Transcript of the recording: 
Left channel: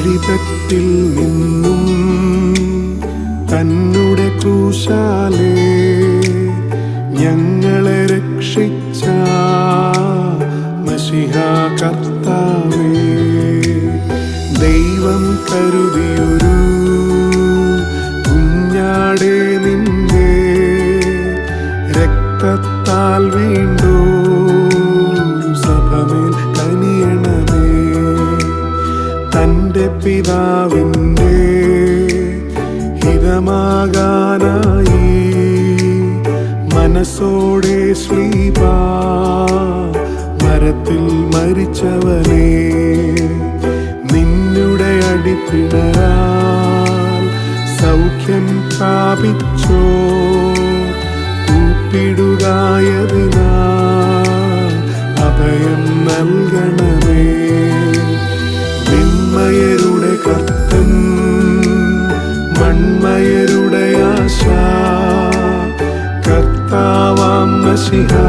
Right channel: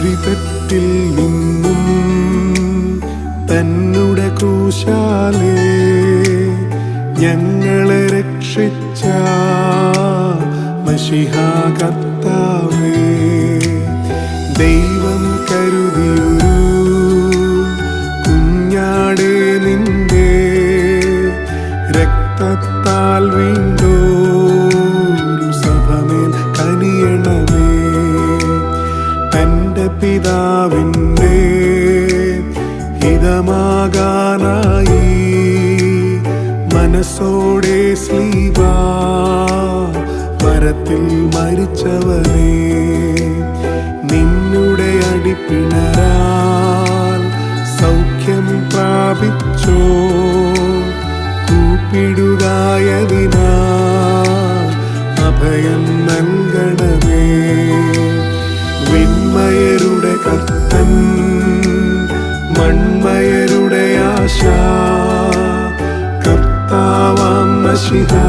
വഴിതെറ്റിൽ നിന്നും തന്നുടെ ക്രൂശാലേ ഞങ്ങളെ രക്ഷിച്ച മശിഹാ കർത്താവേ, ദൈവം കരുതിയൊരു കുഞ്ഞാടേ നിന്റെ രക്തത്താൽ വീണ്ടോ സഭമേൽ കനിയണമേ. തന്റെ പിതാവിൻ്റെ ഹിതമാകാനായി മനസ്സോടെ ശ്ലീബാ മരത്തിൽ മരിച്ചവനേ, നിന്നുടെ അടിപ്പിണരാൽ സൗഖ്യം പ്രാപിച്ചോ കൂപ്പിടുകയായതിനാൽ അഭയം നൽകണമേ. വിൺമയരുടെ കർത്തൻ മൺമയരുടെ ആശ കർത്താവാം മശിഹാ